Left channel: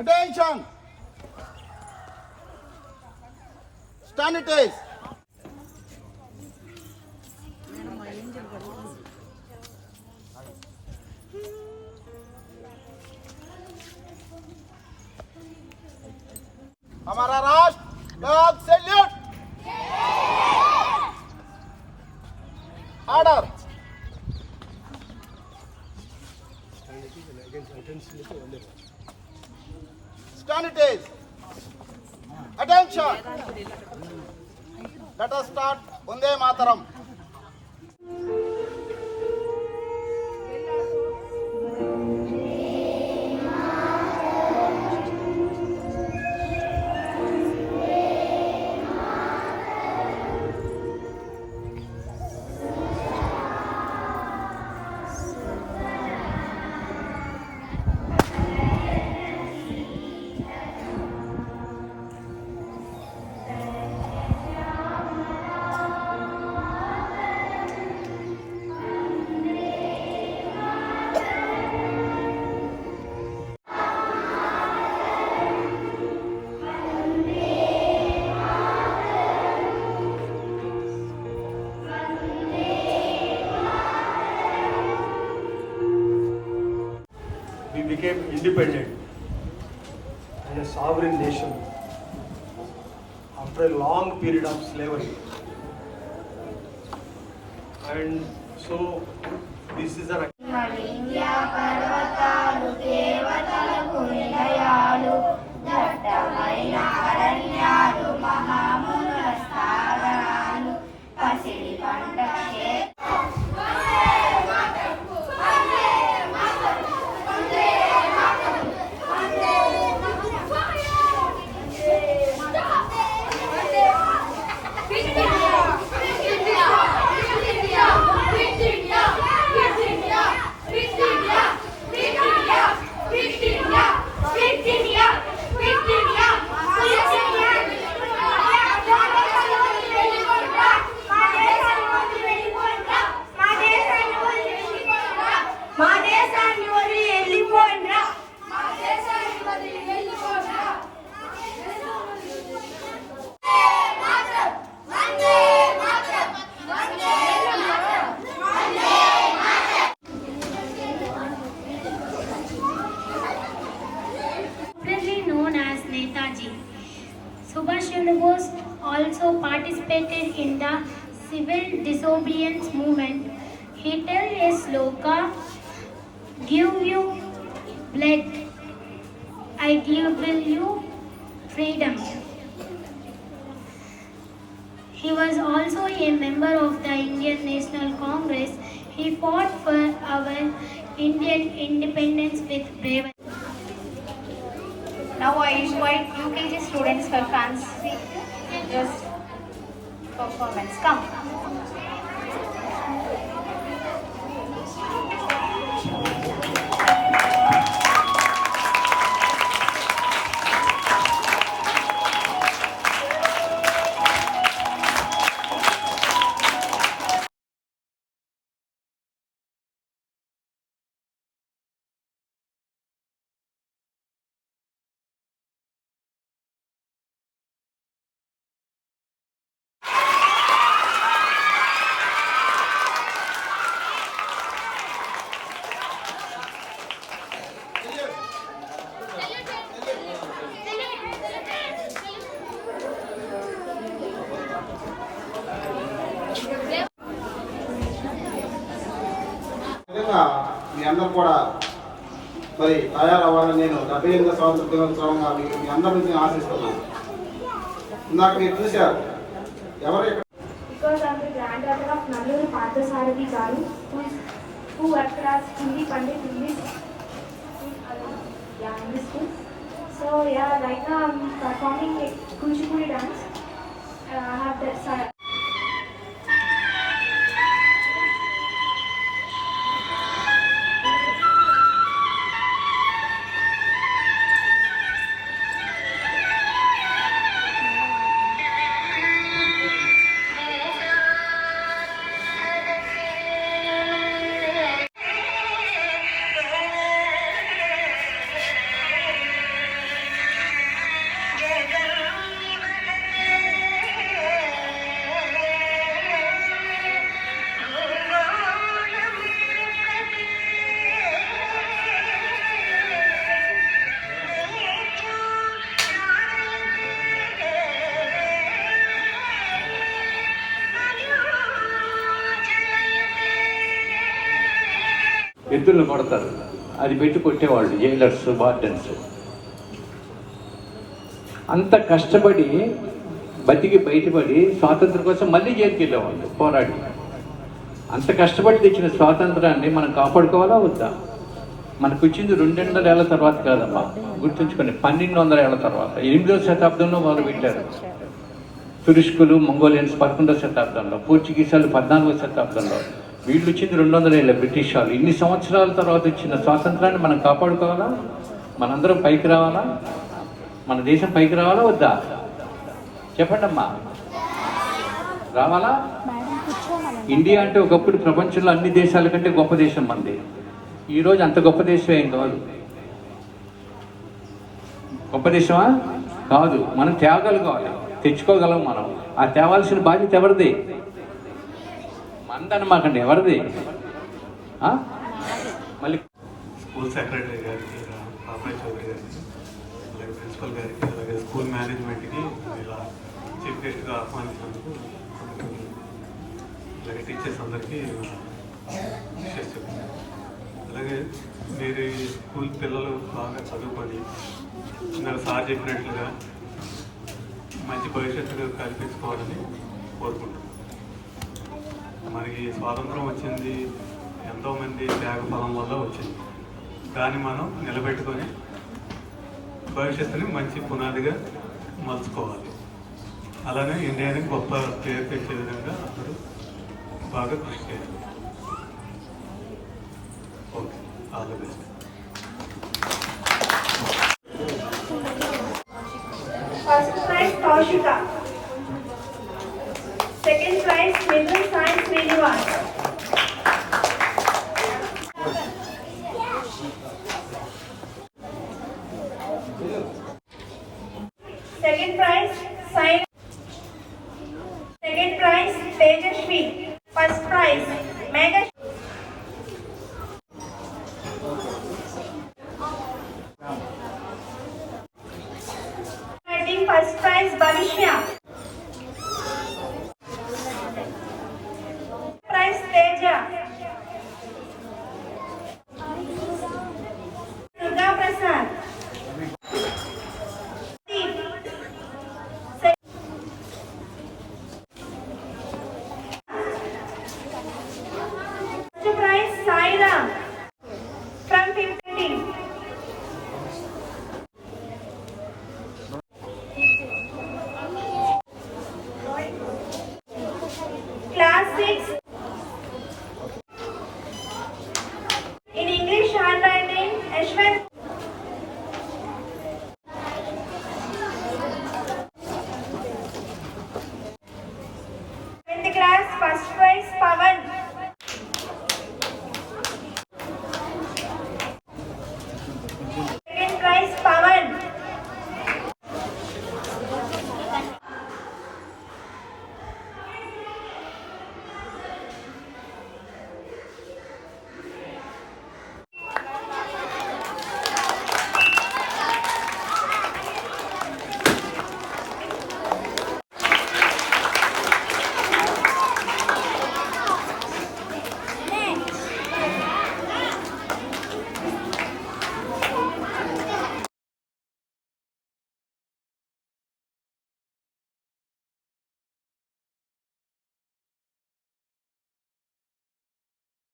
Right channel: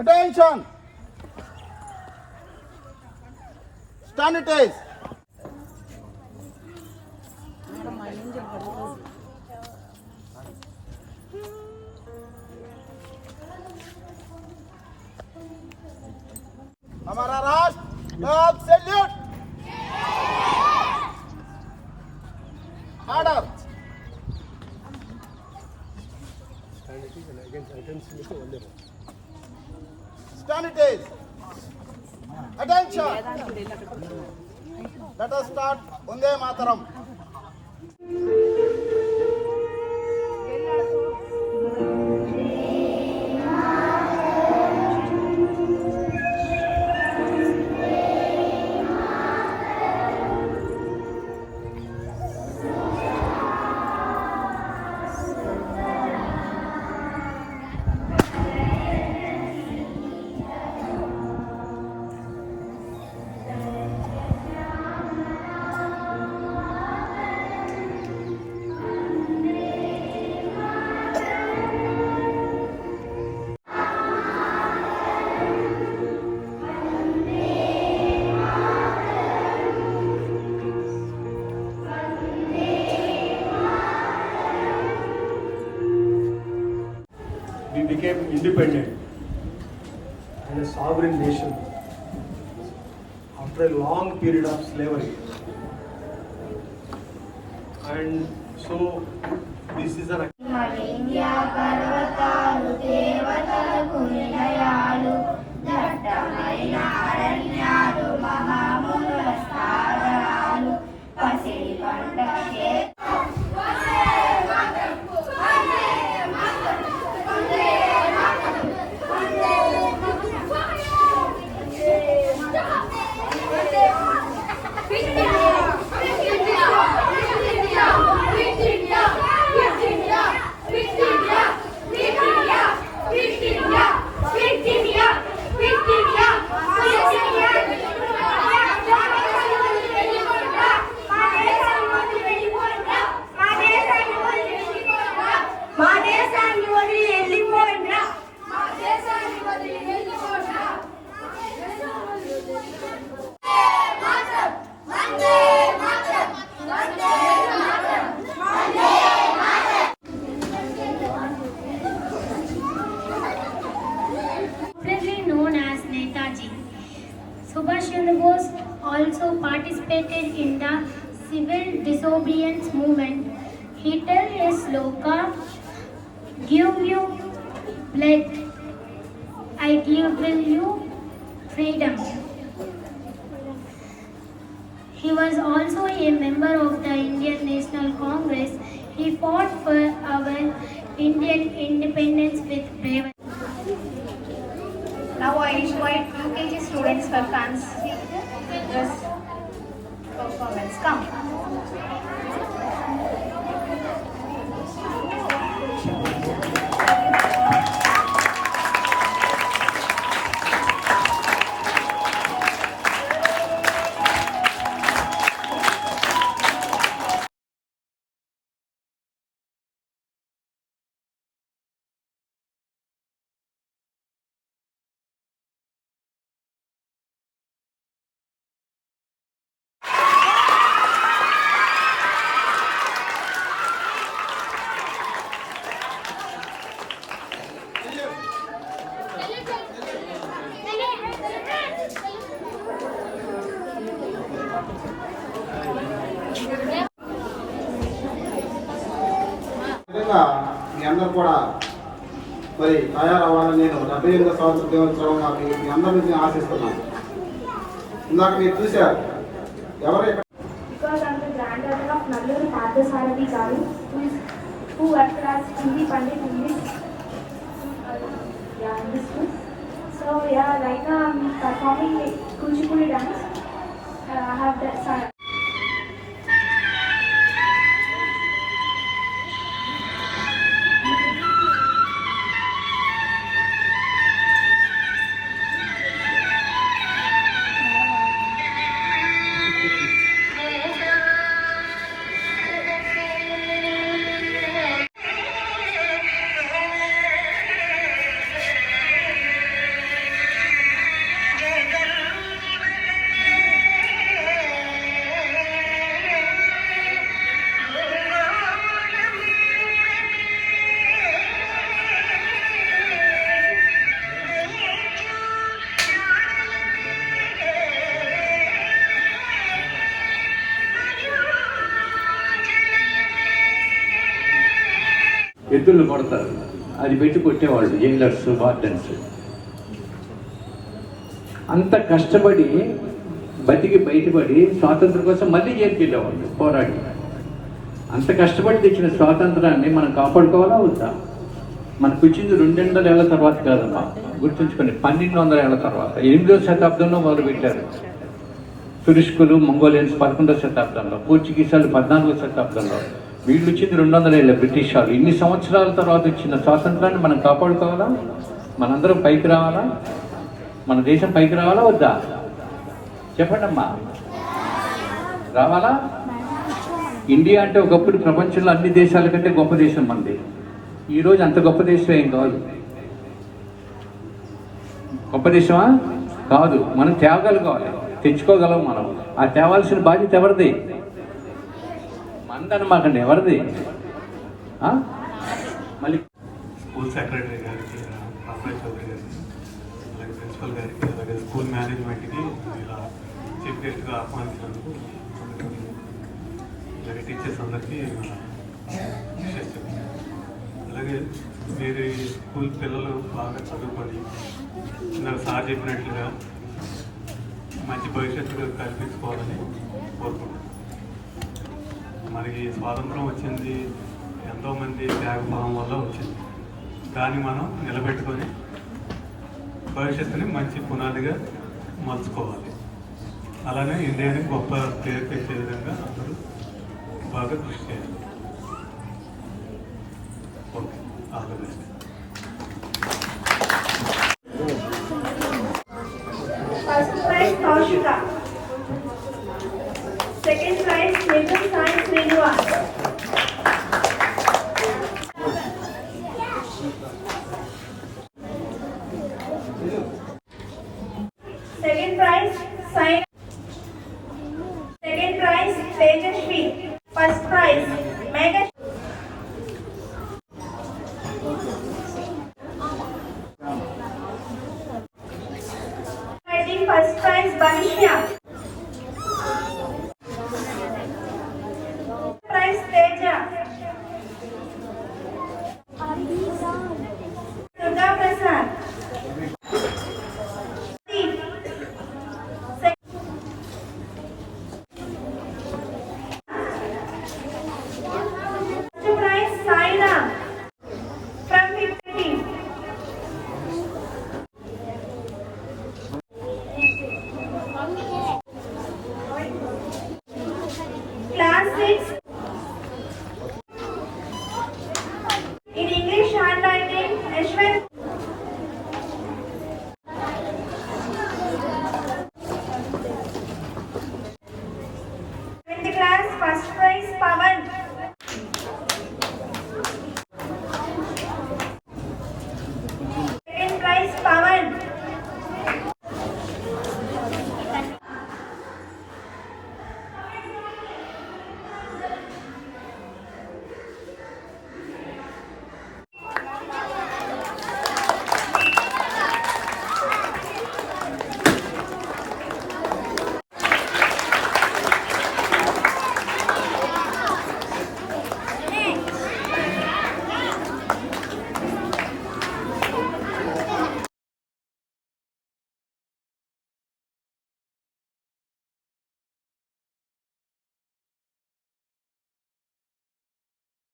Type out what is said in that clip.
Attention! Sanitize. हमारा राष्ट्र लोग salute order sanitize. Attention. Let us start Vande Mataram. We became independent and a sovereign nation after a long period of slavery. And so this is an మలింగ్యా పర్వతాలు దేవతలకు నిలయాలు దట్టమైన అరణ్యాలు మహామునుల సాగరాలు పసిడి పంట known as Netaji. Subhash Chandra Bose also participated in the civil disobedience movement. He told a sloka, "Give you blood, I give you freedom." He was also a member of the Indian National Congress. He fought for our Indian independence with bravery. Now I invite UKG students for fancy dress performance. Come. మీ అందరూ కూడా మరి తయారవ్వాలని నేను 78వ స్వాతంత్ర దినోత్సవంగా మీ అందరి నుంచి ఆశిస్తున్నాను. ఇందాక మీరు చూశారు ఎవరు Because I'm the granddaughter of Nalluru Parthasarathi Garu, who worked as Hindi Pandit in this school. So right now I'm performing Kuchipudi dance. I have that. ఎద్దులను కొడతారు, అది పెట్టి కొట్టేవాళ్ళు జైలర్స్, వార్డెన్స్. అంత కష్టపడి బతికి బయటపడి స్వాతంత్రం కోసం మళ్ళీ జైలుకి వెళ్ళేవాళ్ళు పోరాడి. అంత కష్టపడి తెచ్చిన స్వాతంత్రాన్ని మనం కాపాడుకోవాలా వద్దా? మనకు వచ్చింది 200 ఏళ్ల తర్వాత కాదమ్మా, గుర్తుంచుకొని 1200 ఏళ్ల తర్వాత. 8వ శతాబ్దంలో మొదలుపెట్టారు తురుష్కులు, మంగోలియన్స్ 11వ శతాబ్దంలో, పోర్చుగీసాలు 14వ శతాబ్దంలో. వీళ్ళు వచ్చింది 200 ఏళ్ళ బ్రిటిష్ వాళ్ళు. ఇన్ని సంవత్సరాల తర్వాత వచ్చిన స్వాతంత్రాన్ని మనం కాపాడుకోవాలా? మనందరం పైకి రావాలా? మన దేశం పైకి రావాలా వద్దా? చెప్పండి అమ్మా, రావాలా? ఇండియా అంటే ఒకప్పుడు ప్రపంచంలో అన్ని దేశాల కంటే గొప్ప దేశం మనది. ఈరోజు అంత గొప్ప దేశం ఏం కాదు. గొప్ప దేశమా కాదు. మనం త్యాగాలు కావాలి, తెచ్చుకోగలం మనం. ఆ తేవాల్సిన బాధ్యత ఎవరిది? మనదనమాకండి, ఎవరిది? మళ్ళీ స్కూల్ సెక్రటరీ గారికి, రామరాజ్ చౌదరి గారికి, అలాగే ప్రిన్సిపల్ గారికి, అలాగే స్కూల్ మేనేజ్మెంట్కి ఇలా చీఫ్ గెస్ట్గా ఆహ్వానించినందుకు, అలాగే టీచర్స్ అందరికీ విషెస్ చెప్తాను. అలాగే మీరు ఈ స్కూల్ పిల్లలు బాగా చదువుకొని ఇందాక సార్ చెప్పినట్లుగా మంచి భవిష్యత్తు కల్పించుకోవాలని కోరుకుంటున్నాను. మనకి స్వాతంత్రం వచ్చింది ఎంతోమంది త్యాగఫలం వల్ల వచ్చింది. కానీ మనం నిలబెట్టుకొని భవిష్యత్తుని మంచి పునాదిగా మలుచుకోవాలి. అలానే ఇండియాని గొప్ప పేరు తెచ్చే విధంగా అందరూ బాగా కృషి చేయాలి. Okay, all the best.